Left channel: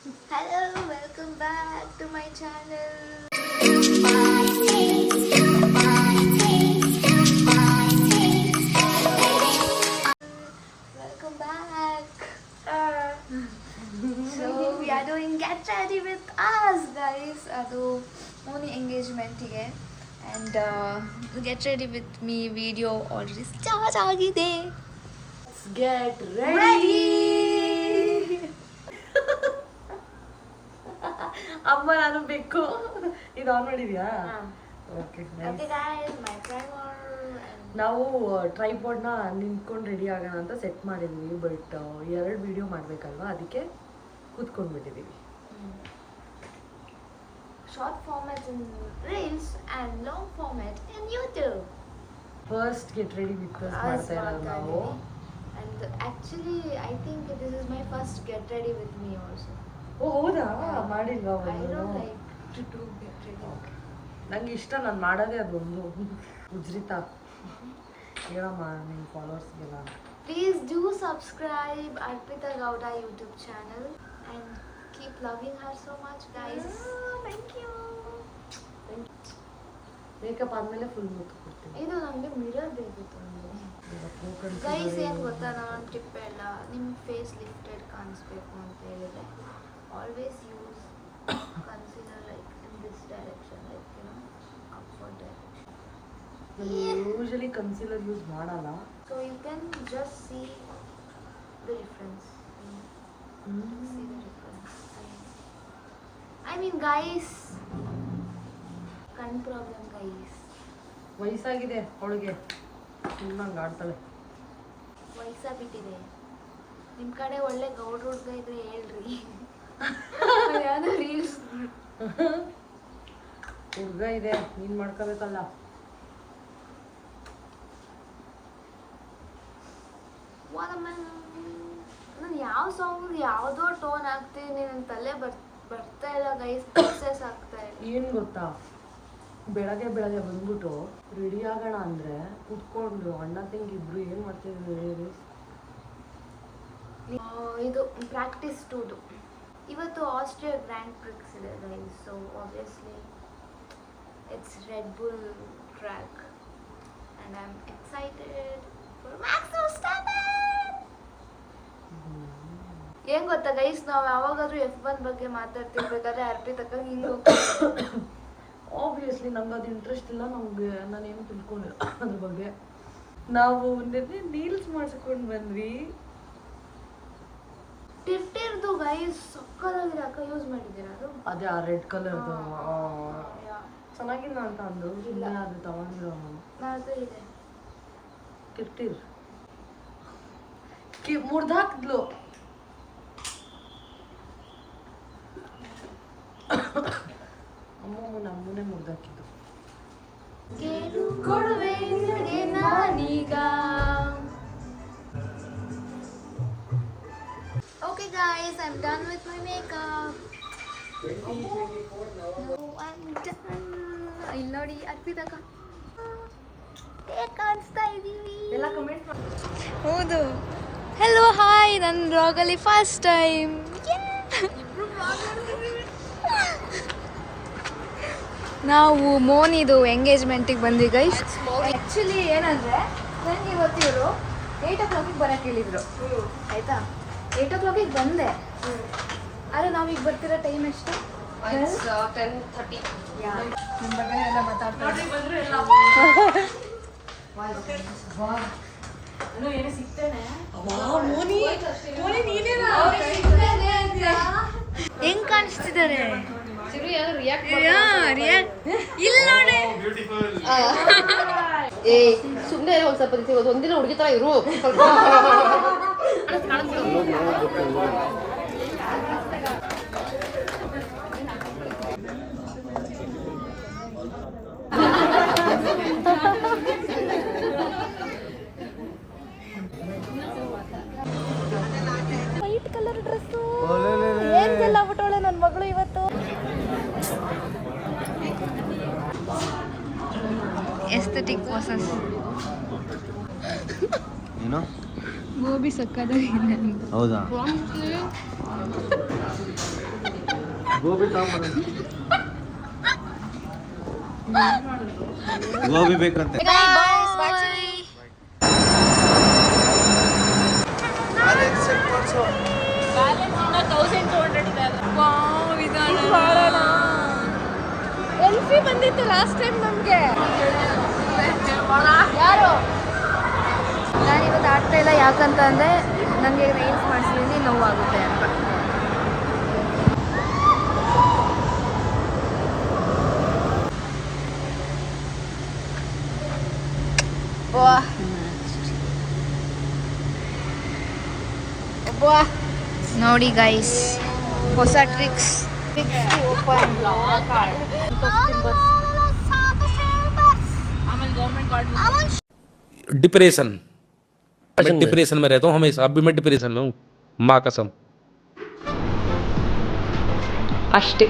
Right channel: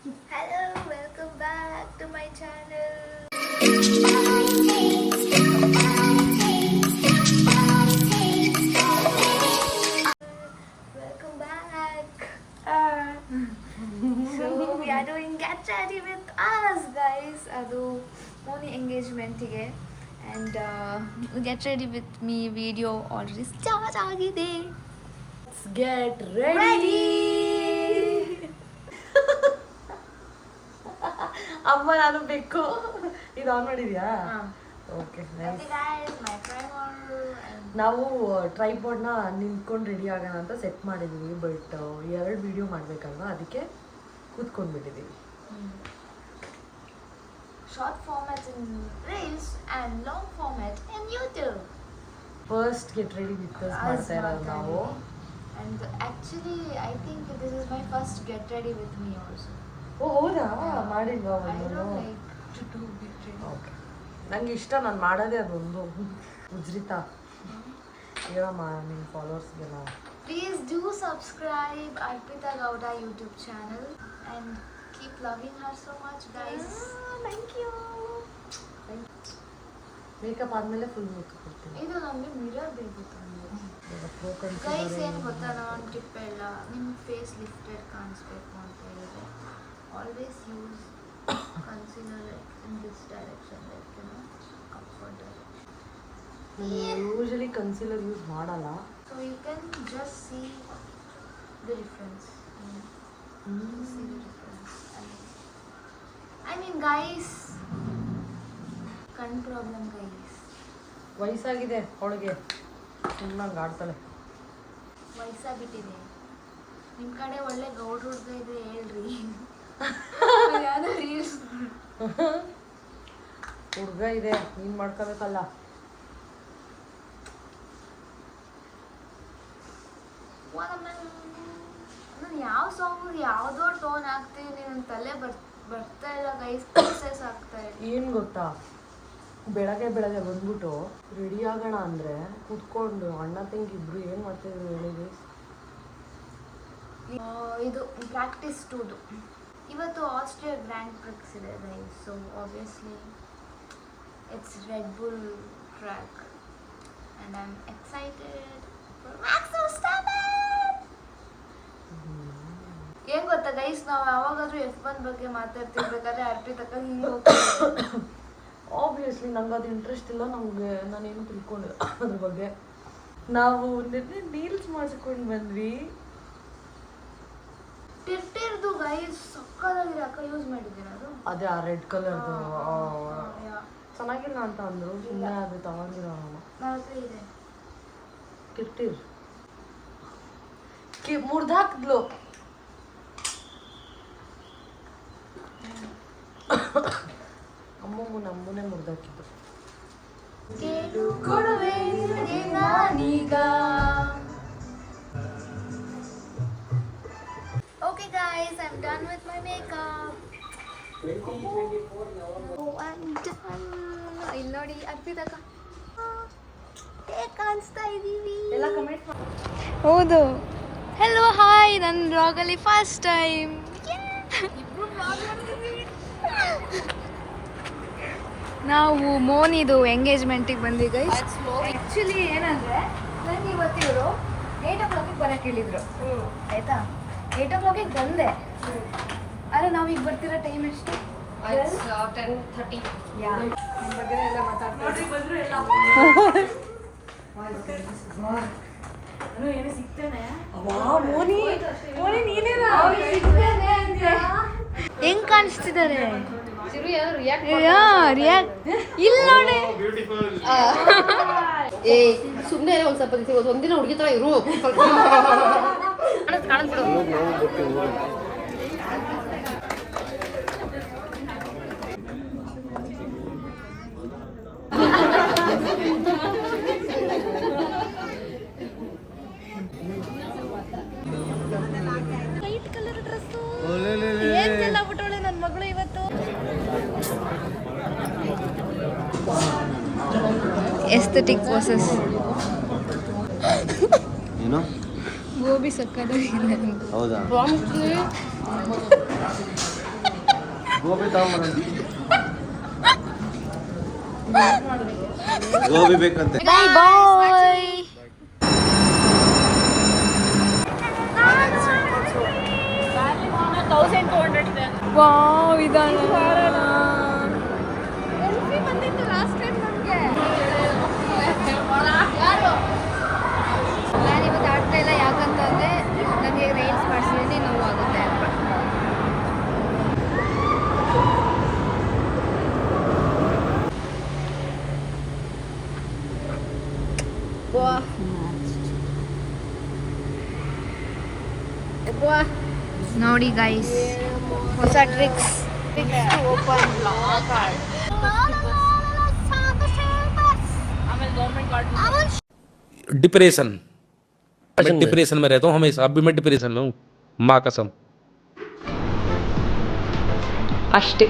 Hello, welcome back to my channel. Welcome back. So we are doing Get Ready With Us, guys. ಅದು Moni ಎಂಗೇಜ್ಮೆಂಟಿಗೆ and Get Ready With Me video already start ಆಗಿದೆ. Let's get ready. ಅಮ್ಮ ನಾನು ಬೇಕು. ಇದು on ಮಾಡಿದ್ಯಾ? Okay. ನಾವು ಟ್ರೈಪಾಡ್ನ ನಿಂತ್ಕೊಂಡು ready ಆಗೋಣ ಅಂತ ಸೆಟ್ ಮಾಡಿದ್ವಿ, ಬಟ್ 2 ವಿಡಿಯೋ ಮಾಡಬೇಕಲ್ವಾ, ಅದಕ್ಕೆ ಕೂತ್ಕೊಂಡ್ಬಿಟ್ಟಿದ್ದೀವಿ. Short format in Reels and long format in YouTube. First get ready with us ಮಾಡ್ತಾ ಇರೋದು ನಾವು. And actually I think this is my first Get Ready With Me also. ಓ ಹೌದಾ? ಮಾಡಿಲ್ವಾ I ಒಂದು? don't like to do Get Ready. Okay, ನಂಗೆ ಇಷ್ಟ, ನಾನು ಮಾಡೋದೇ ಅದೊಂದು. ಉಜ್ರಿತಾ ಹೇಳಮ್ಮ ನಿಮ್ಮ ಫಾಲೋವರ್ಸ್ಗೆಲ್ಲ. Please do subscribe Arpita Gowda YouTube channel and keep loving her so much, guys. Thank you. Makeup ಆದಮೇಲೆ ಫುಲ್ ಲುಕ್ ಕೊಡ್ತೀನಿ. ಇದು ನಮಗೆ ಮಿರರ್ ಬೇಕಿತ್ತು ಗೈಸ್. ಏನು ಗೊತ್ತಾ, ನಾನು ಟಿಪ್ ಎಲ್ಲ ನಿಮ್ಮ ಫೇಸ್ ಲಿಫ್ಟೆಡ್ ಕಾಣಿಸ್ಬೇಕು ಅಂತ ಹೇಳಿದ್ರೆ always use concealer like in this direction, like you know upward direction. Usually concealer use ಮಾಡಲ್ಲ. So you can just see the difference. See the difference. I mean, guys, ಕಣ್ problem guys. ವಯಸ್ಸಾಗಿದೆ ಅವಳಿಗೆ, ಸುಮ್ಮನೆ ಆಡ್ತಾಳೆ. ವಯಸ್ಸಾಗ್ಬಿಟ್ಟಿದೆ. ನಿಮ್ಮ ಕಡೆ ಒಳ್ಳೆ ಗೌಡ್ರ ಹುಡುಗ ಇದ್ರೆ ಹೇಳ್ರಿ. ಯಾವ್ದೋ ರೀಲ್ಸ್ ಹುಡುಗ ಇದೆ, ನೀನು ಮಾಡ್ಕೋಬೇಕಲ್ಲ. ನಾನು ಯಾವ ಸಾಂಗಿಗೆ ಯಾವುದೋ ಟೋನ್ ಹಾಕ್ತೀನಿ, ನನ್ನ ತಲೆ ಬರ್ತಾ ಇಲ್ಲ ಗೈಸ್, ಪ್ರೊಸೆಸ್ ಆಗ್ತಾ ಇಲ್ಲ. ಏನು ಗೊತ್ತಾ, ಬೆಳಗ್ಗೆ ಬಂದ್ಬಿಟ್ಟು ರೆಡಿ ಆಗೋಣ ಅಂದರೆ ಕೂತ್ಕೊಂಡು ಅಣ್ಣ ತಂಗಿ ಇಬ್ರು ಏನು ಮಾಡ್ತಿದ್ರು ಹೇಳಿ. ಇದು ಪ್ರಾಕ್ಟೀಸ್ ಟೂದು. ಇವತ್ತು ಆಸ್ಟ್ರಿಯಾ ಗ್ರ್ಯಾಂಡ್ ಪ್ರಿಕ್ಸ್ ಇದೆ guys. So obviously it's Red Bull track and I am excited for Max Verstappen. ಏನ್ ಗೊತ್ತಾ ಗೈಸ್, ನಾವು ಯಾವಾಗಾದ್ರೂ F1 ಬಗ್ಗೆ ಮಾತಾಡ್ತಿರ್ಬೇಕಾದ್ರೆ ಅರ್ಪಿತಕ್ಕ ಹಿಂಗೆ ಆಬ್ವಿಯಸ್ಲಿ ನಂಗೆ ಅದು ಇಂಟ್ರೆಸ್ಟ್ ಇಲ್ಲ. ನಾನೇನು ತಿಳ್ಕೊಂಡಿಲ್ಲ ಅದ್ರ ಬಗ್ಗೆ. ನಾವು ನಿನ್ನೆ ನೀಲ್ಸ್ ಮಾಡಿಸ್ಕೊಂಡು ಬಂದ್ವಿ. ಟಿರ್ಟಿರ್ದು ಗೈಸ್ ಸಕ್ಕದಾಗಿದೆ. ಅಕ್ಕ ಯೂಸ್ ಮಾಡಿದ್ದೀರಾ ಅದು? ಅದೇ ಆ ರೆಡ್ ಕಲರ್ದು ಚೆನ್ನಾಗಿಲ್ಲ ಅಂತ ಅಂದರು, ಸುಮ್ಮನೆ ಅದು ತಗೊಂಡಿರೋ ನಾನು. ನನ್ನ ಹತ್ರ ಇದೆ. ಟಿರ್ಟಿರ್ ಮುರ್ದಾಕ್ದ್ಲು. ನಮ್ಮನೆ ಮುರ್ದಾಕಿದ್ದು. ಕೇಳು ಕೊಡುವೆ ನಿನಗೆ ನಾನೀಗ. Okay guys, I'm done with my makeup. I'm done. ಇಲ್ಲಿ ನೋಡಿ ಅರ್ಪಿತಕ್ಕ ಹೇಗೆ ಕಾಣಿಸ್ತಾ ಇದ್ದೀವಿ. ಎಲ್ಲ ಕಮೆಂಟ್ ಮಾಡಿ. ಹೌದು. ಹೆಲೋ ಹಾಯ್, ನನ್ನ ಬ್ಲಾಗಲ್ಲಿ ಫಸ್ಟ್ ಟೈಮ್. ನಾವು ಮೋನಿದು ಎಂಗೇಜ್ಮೆಂಟಿಗೆ ಬಂದ್ವಿ ಗೈಸ್. ಆ್ಯಕ್ಚುಲಿ ಏನಂದರೆ ನನಗೆ ಇವತ್ತು ಇವರು 8 o'clock ಬರೋಕ್ಕೆ ಹೇಳಿದರು. ಆಯಿತಾ, 8 o'clock ಬಂದೆ. ಆದರೆ ನಾವೀಗ ಬರ್ತಿರೋ ಟೈಮ್ ಎಷ್ಟು? 10:30. ಯಾ, ನಮ್ಮ ಬಗ್ಗೆ ಎಲ್ಲ ಮಾತಾಡ್ತಾರೆ. ಹೆಂಗ್ ಕಾಣಿಸ್ತಿದ್ದಾರೆ ಇಲ್ಲ ನೋಡಿ. ಸುಮ್ಮನೆ ಒಂದು ಸ್ವಲ್ಪ ಒಂದಿನ ಹುಡುಗಿ ತರ ಇರು. ವೈಟ್ ಕಲರ್ ಡ್ರೆಸ್ಸು ಏನೆಲ್ಲ ಬಿಟ್ಟವಳೆ ನನ್ನ ಮಗಳು ಇವತ್ತು. Aesthetic poses. ಗೋಬಿ ಸಕ್ಕದಾಗಿದೆ. ಹೌದಾ? ಗೋಬಿ ತಗೊಂಬರೋಣ. ಗೋಬಿ ಬೇಕಂತೆ. ಸೆಲ್ಫಿ ಬಂದಿತ್ತು ಲಾಸ್ಟ್ ಟೈಮ್ ನಮಗೆ. ನಾನಿವತ್ತು ಆಡ್ತಾ ಇಲ್ಲ, ಯಾಕಂತ ಅಂದರೆ ನನಗೆ ನೈಲ್ಸ್ ಮಾಡಿಸಿದ್ದೀನಿ, ನೋವಾಗುತ್ತೆ ಅಂತ. ನೋಡಿ ಗೈಸ್, ಹೊಸ tricks to open card. Depression, मैं डिप्रेशन में रहता हूँ हमेशा. अभी मैं डिप्रेशन में हूँ, माँ कसम. ಅಷ್ಟೇ.